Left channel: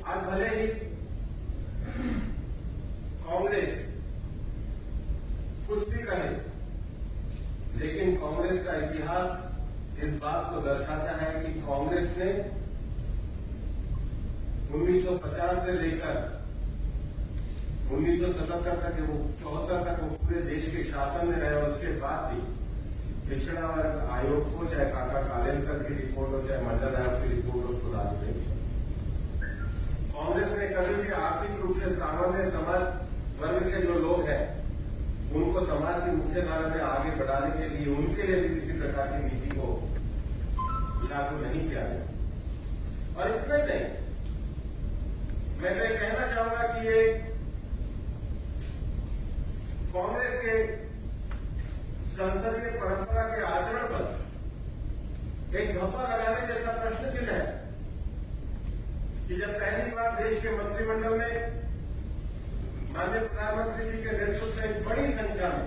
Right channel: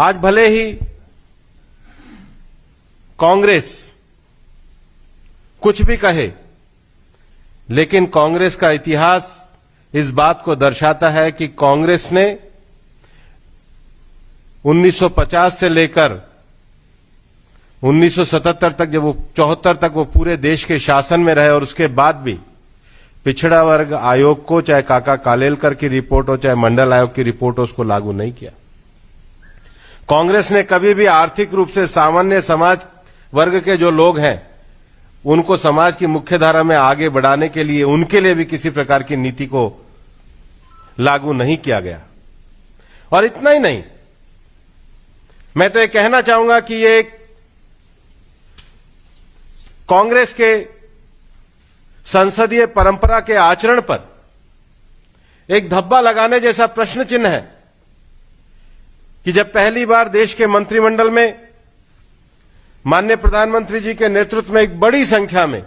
आज भले ही कांग्रेस कुछ भी कहे, लेकिन कांग्रेस का इतिहास इस बात को दर्शाता है कि कांग्रेस ने 1950 से लेकर 1977 तक, जब वो 74 तक वो पूरे देश के शासन में रहे, और उसके बाद भी पिछड़ा वर्ग आयोग को, चाहे काका कालेलकर की रिपोर्ट हो, चाहे मंडल आयोग की रिपोर्ट हो, उसको लागू नहीं किया। कांग्रेस ने कभी भी आर्थिक रूप से सामान्य समाज वर्ग के जो लोग हैं उनको समाज की मुख्यधारा में आगे बढ़ाने के लिए, उनके लिए भी किसी प्रकार की नीति को लागू नहीं किया गया। और इतना ही नहीं, मैं तो ये कहना चाहूंगा कि ये कांग्रेस के संसदीय परंपरा के आचरण पर एक धब्बा लगाने जैसा प्रश्न चिन्ह है कि जब पहली बार देश के मंत्रिमंडल में माननीय प्रधानमंत्री जी के नेतृत्व में एक बड़ी संख्या में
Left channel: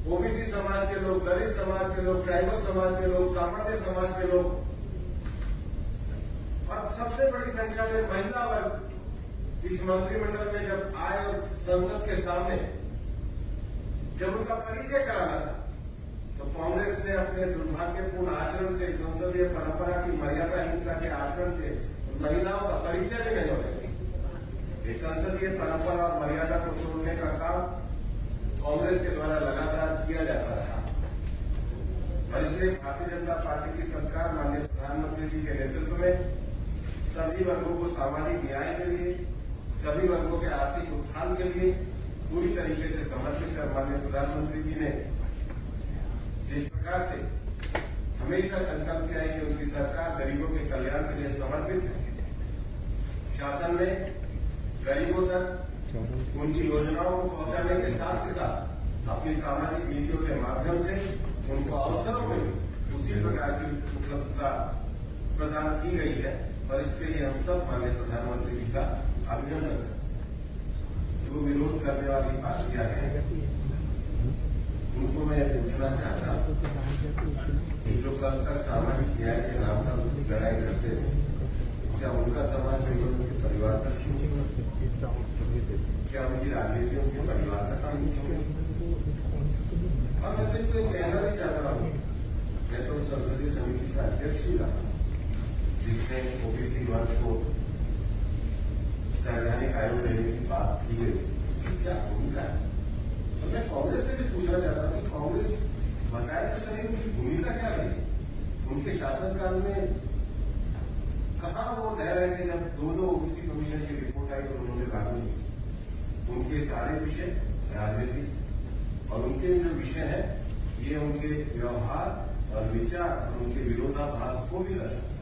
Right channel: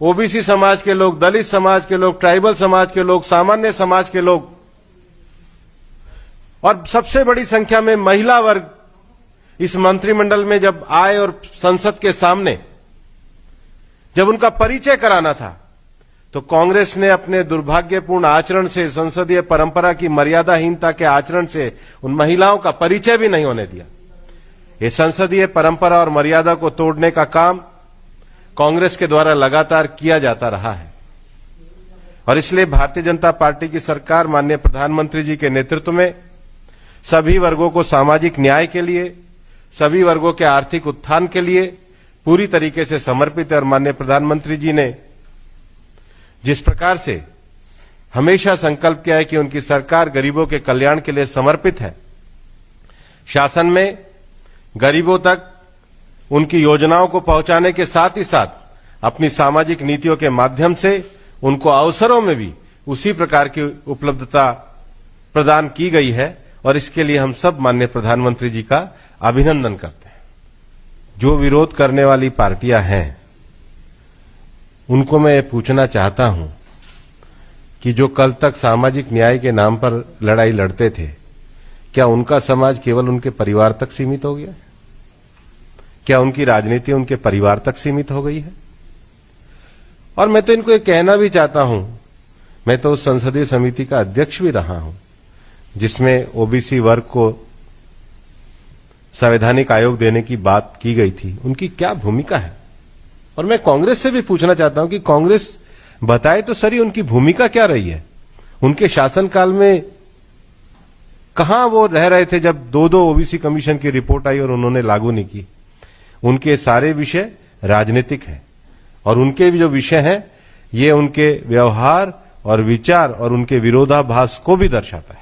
ओबीसी समाज के लोग, दलित समाज के लोग, ट्राइबल समाज के लोग, सामान्य समाज के लोग और सबसे बड़ी संख्या में महिला वर्ग इस मंत्रिमंडल में जब आए और संसद के सामने जब उनका परिचय कराना था, तो कांग्रेस ने अपने दुर्भाग्यपूर्ण आचरण से, संसदीय परंपरा की मर्यादाहीनता के आचरण से उन महिलाओं का परिचय भी नहीं होने दिया। ये संसदीय परंपरा और मर्यादा को तोड़ने का काम कांग्रेस के द्वारा लगातार किया जाता रहा है, और इसलिए भारतीय जनता पार्टी की सरकार माननीय प्रधानमंत्री जी के नेतृत्व में सभी वर्गों को सामाजिक न्याय के लिए, सभी वर्गों के आर्थिक उत्थान के लिए पूरी तरीके से समर्पित है। और माननीय प्रधानमंत्री जी ने जिस प्रकार से हमेशा संकल्प किया है कि उनकी सरकार गरीबों के कल्याण के लिए समर्पित है, शासन में गरीबों तक उनकी योजनाओं को पहुंचाने के साथ ही साथ अपनी सामाजिक नीतियों के माध्यम से उनको अवसरों में भी उसी प्रकार की उपलब्धता प्रदान की गई है, और इसके लिए हम सब माननीय प्रधानमंत्री जी का अभिनंदन करते हैं। जो विरोध करने वाली पार्टियां हैं उनको मैं पूछना चाहता हूं कि जो कल तक सामाजिक न्याय के नाम पर लड़ाई लड़ते थे, क्या उनका समाज केवल उनके परिवार तक सीमित हो गया? क्या उनकी राजनीति उनके परिवार तक सीमित हो गई है? और मैं तो इनको ये कहना भी चाहता हूं, मैं तो उस संसदीय समिति का अध्यक्ष भी रहा हूं जिसमें ओबीसी वर्ग को संवैधानिक आयोग देने की बात की गई थी। उनकी क्या भूमिका है? और मैं कांग्रेस से भी पूछना चाहता हूं कि कांग्रेस बताए तो सही, उनकी भूमिका क्या रही है? उनके शासनकाल में कहां वो रह रहे थे जब दो ओबीसी कमीशन की रिपोर्ट आई और उन्होंने लागू नहीं की? उनके सारे विषय राजनीतिक हैं, और उनके भी जो विषय हैं ये उनके व्यवहार और विचार और उनके विरोधाभास को भी दर्शाता है।